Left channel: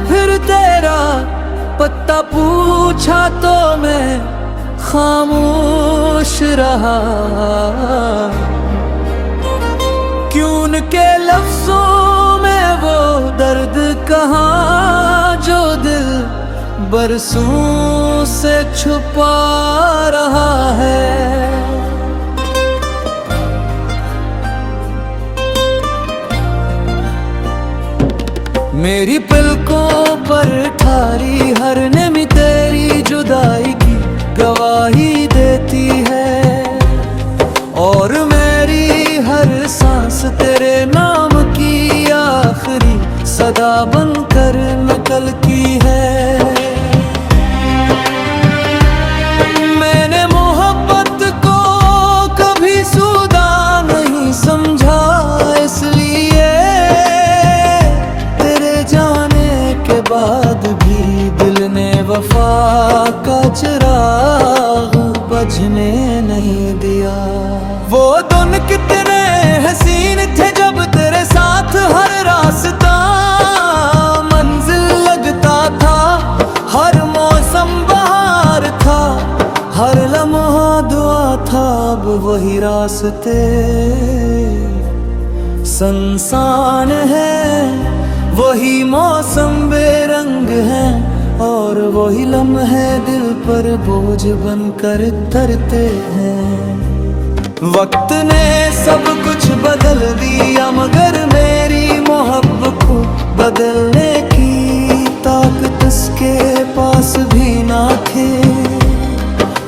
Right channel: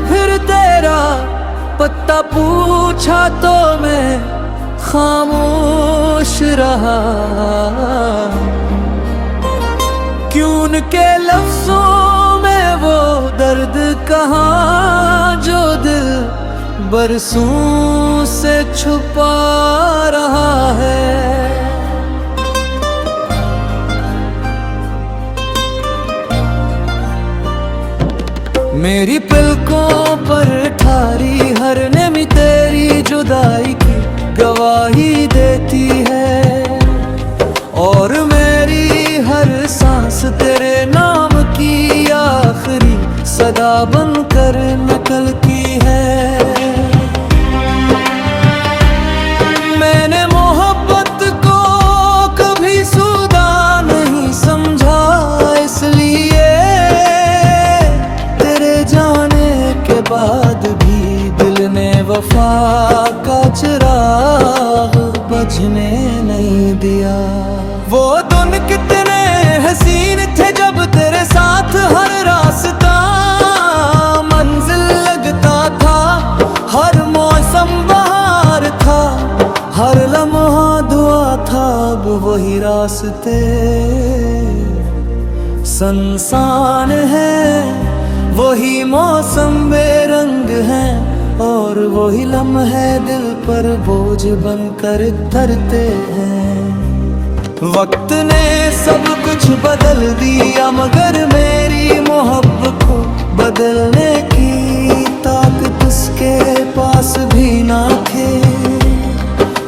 फिर तेरा पत्ता पूछा तो मैं खामोश रहा। क्यों उनके लफ्जों में वो दर्द कहाँ जो दिल बरसों से छुपा रहा है। मेरी पलकों पर ठारी हर नेमी तेरी जुदाई की गवाही देती है, और मेरी हर सांस तेरे नाम की आखिरी सदा बनकर नकल की है। मैंने मोहब्बत को कभी सुदा नहीं समझा, इसलिए जाने के बाद भी दिल ने वफा का चिराग बुझने नहीं दिया। वो दिन कितने हसीन थे जब तेरे साथ हर रास्ता मंजिल लगता था, हर मौसम बहार था, हर लम्हा दुआ था। अब वही रास्ते सुनसान है, वही मौसम बेरंग है, और वही लम्हे दिल पर बोझ बनकर तरते हैं। वक्त ने सब कुछ बदल दिया, मगर मेरी मोहब्बत को बदलने की ताकत उसके पास भी ना थी।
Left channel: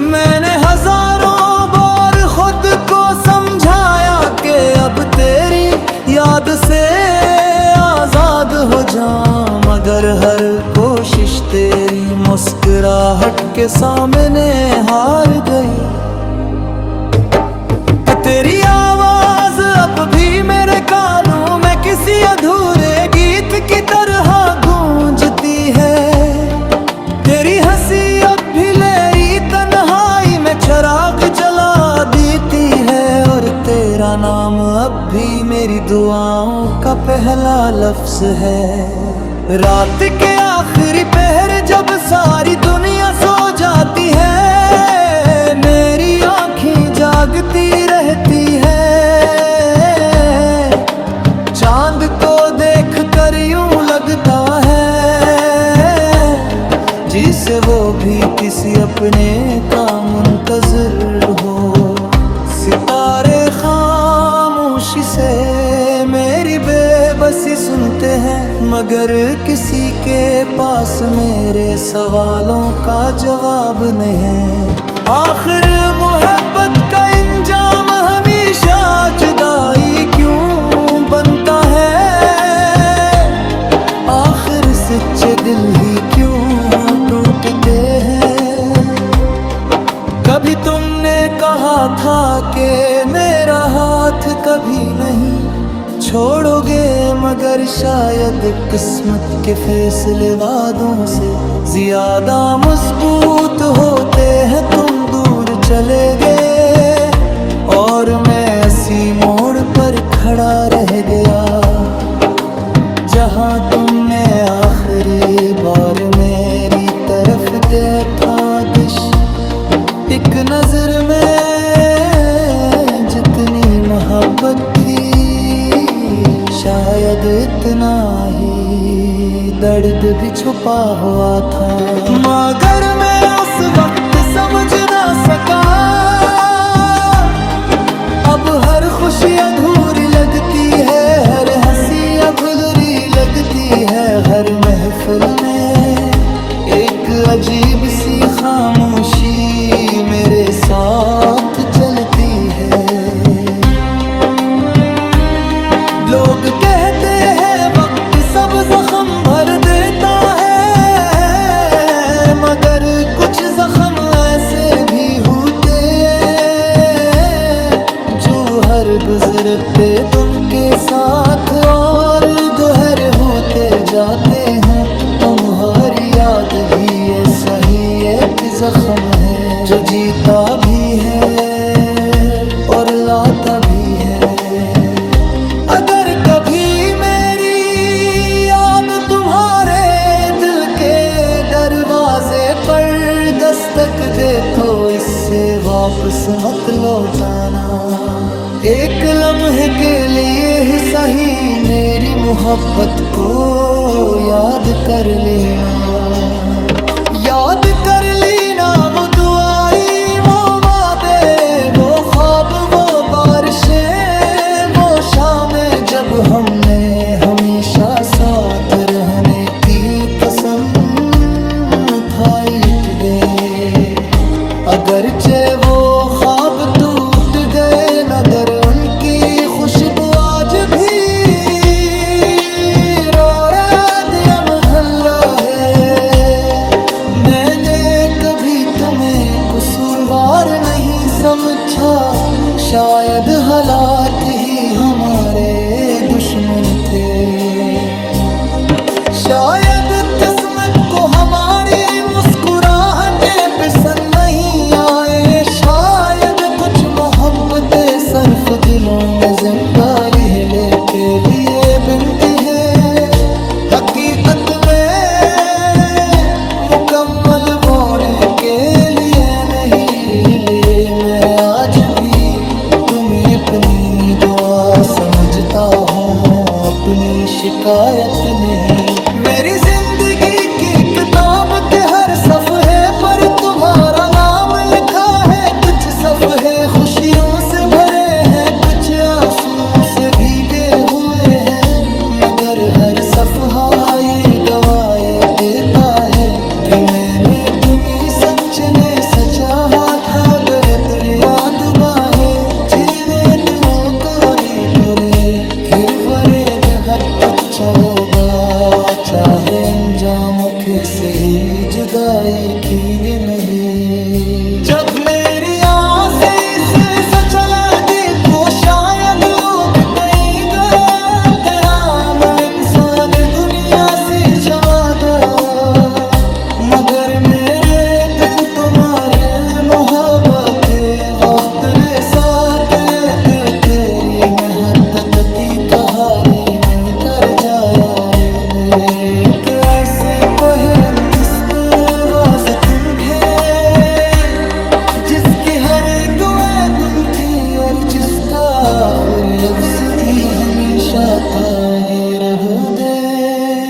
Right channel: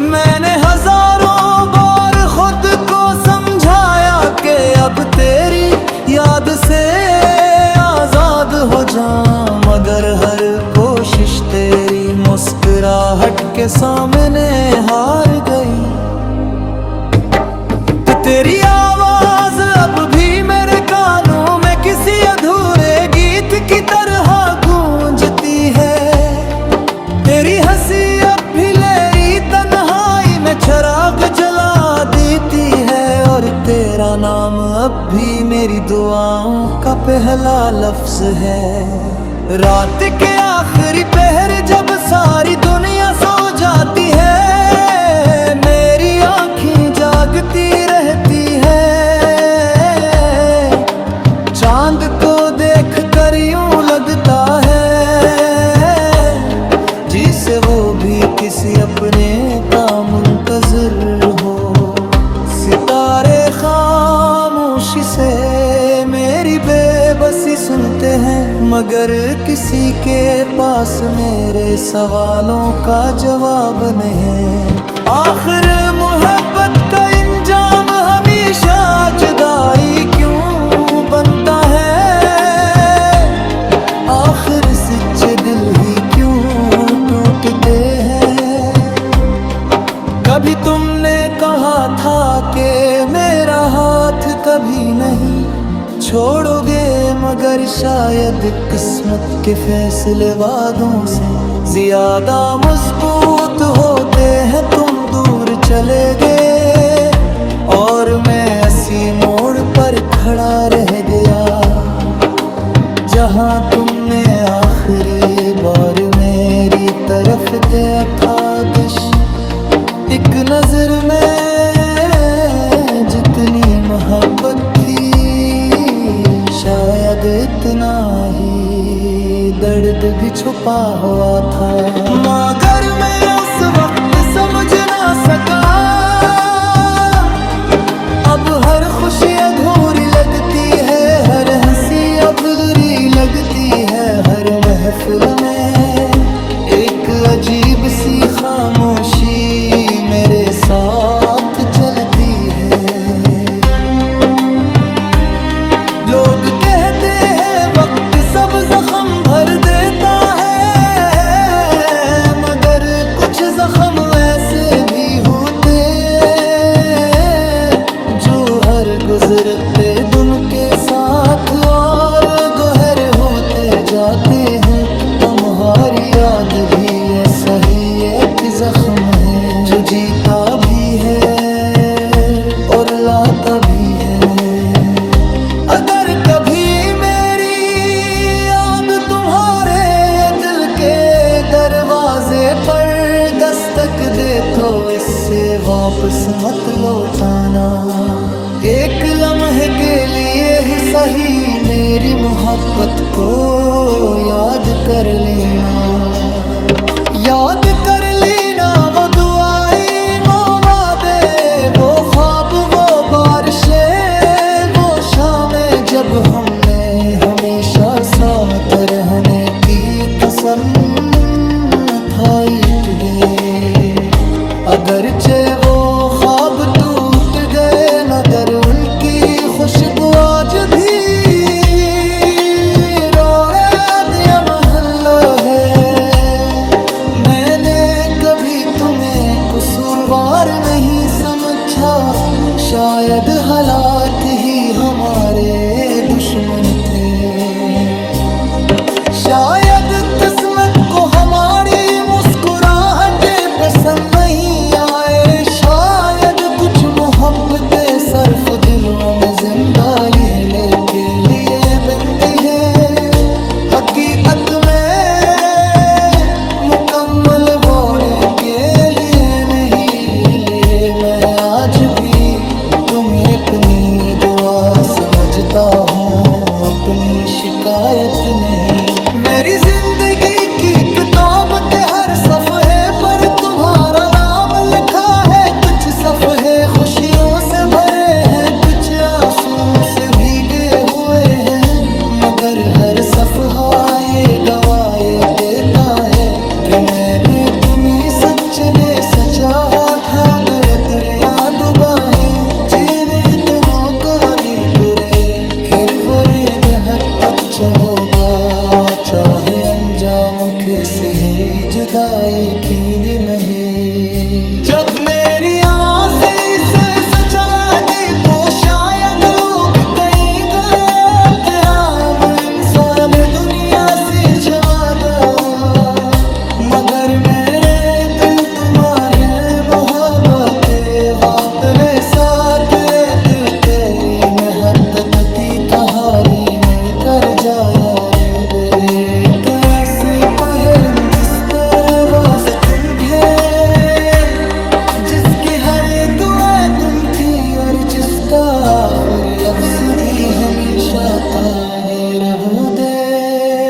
मैंने हजारों बार खुद को समझाया कि अब तेरी याद से आजाद हो जाऊं, मगर हर कोशिश तेरी मुस्कुराहट के सामने हार गई। कि तेरी आवाज अब भी मेरे कानों में किसी अधूरे गीत की तरह गूंजती है। तेरी हंसी अब भी लेरी तन्हाई में चिराग जला देती है, और तेरा नाम अब भी मेरी दुआओं का पहला लफ्ज है। रात के आखिरी पहर जब सारी दुनिया सो जाती है, मेरी आँखें जागती रहती है। चांद को देख कर यूं लगता है जिसे वो भी किसी अपने का मुंतज़िर हो। सितारे खामोशी से मेरी बेबसी सुनते हैं, मगर किसी के पास मेरे सवालों का जवाब नहीं। आखिर मोहब्बत का इंजाम हमेशा जुदाई क्यों बनता है? आखिर सच्चे दिल ही क्यों टूटते हैं? कभी तुमने कहा था कि मेरा हाथ कभी नहीं छोड़ोगे, मगर शायद किस्मत के फैसले वादों से ज्यादा मजबूत होते हैं। तुम दूर चले गए और मैं इसी मोड़ पर खड़ा रह गया, जहां तुमने आखिरी बार मेरी तरफ देखा दिश। एक नजर में जितनी मोहब्बत थी, शायद इतना ही दर्द भी छुपा हुआ था, मगर मैं उस वक्त समझ ना सका। अब हर खुशी अधूरी लगती है, हर हंसी अधूरी लगती है, हर महफिल में एक अजीब सी खामोशी मेरे साथ चलती है। लोग कहते हैं वक्त सब जख्म भर देता है, मगर कुछ जख्म ऐसे भी होते हैं जो हर गुजरते दिन के साथ और गोहर होते जाते हैं। तुम्हारी याद भी ऐसा ही एक जख्म है, जो जीता भी है और लाता भी है। अगर कभी मेरी याद तुम्हारे दरवाजे पर दस्तक दे तो इससे वापस मत लौटाना। एक लम्हे के लिए ही सही मेरी मोहब्बत को याद कर लेना। याद कर लेना वो दुआई, वो वादे, वो ख्वाब, वो बारिशें, वो शामें जब हमने हमेशा साथ रहने की कसम खाई गए। अगरचे वो ख्वाब टूट गए मगर उनकी खुशबू आज भी है। मैंने कभी तुम्हें कसूरवार नहीं समझा, शायद हालात ही हमारे दुश्मन थे। शायद किस्मत को हमारी मुस्कुराहटें पसंद नहीं आए, शायद कुछ मोहब्बतें सिर्फ दिलों में जिंदा रहने के लिए बनती है। हकीकत में मुकम्मल होने के लिए नहीं, ले मैं आज भी तुम्हें अपनी दुआ समझता हूँ, अपनी शिकायत नहीं। मेरी जिंदगी की किताब के हर सफ़े पर तुम्हारा नाम लिखा है। कुछ सफ़े खुशियों से भरे हैं, कुछ आंसू से भीगे हुए हैं, मगर हर सफ़हा ये गवाही देता है कि मैंने तुम्हें सच ने सचाहा था। गलत रिया दुबा है जीने तुमो कोरी तुरे, फिर बरे दे हट होगा चाहे अंजाम से ही जुदाई की नहीं। जब मेरी आँखें से सच लगी तो शायद लोग कहीं गलत, ना इंसान दुनिया से छवा दे, मगर मेरे दिल तुम्हारे मोहब्बत वक्त रे साथ तेरी महत्वती कहानी में कर जाया रे। तरह से पहन जिस वास्ते तुम थे, जिसकी हर दुआ तुम थी और जिसका आखिरी अफ्स भी हमेशा था, ये रहो दे।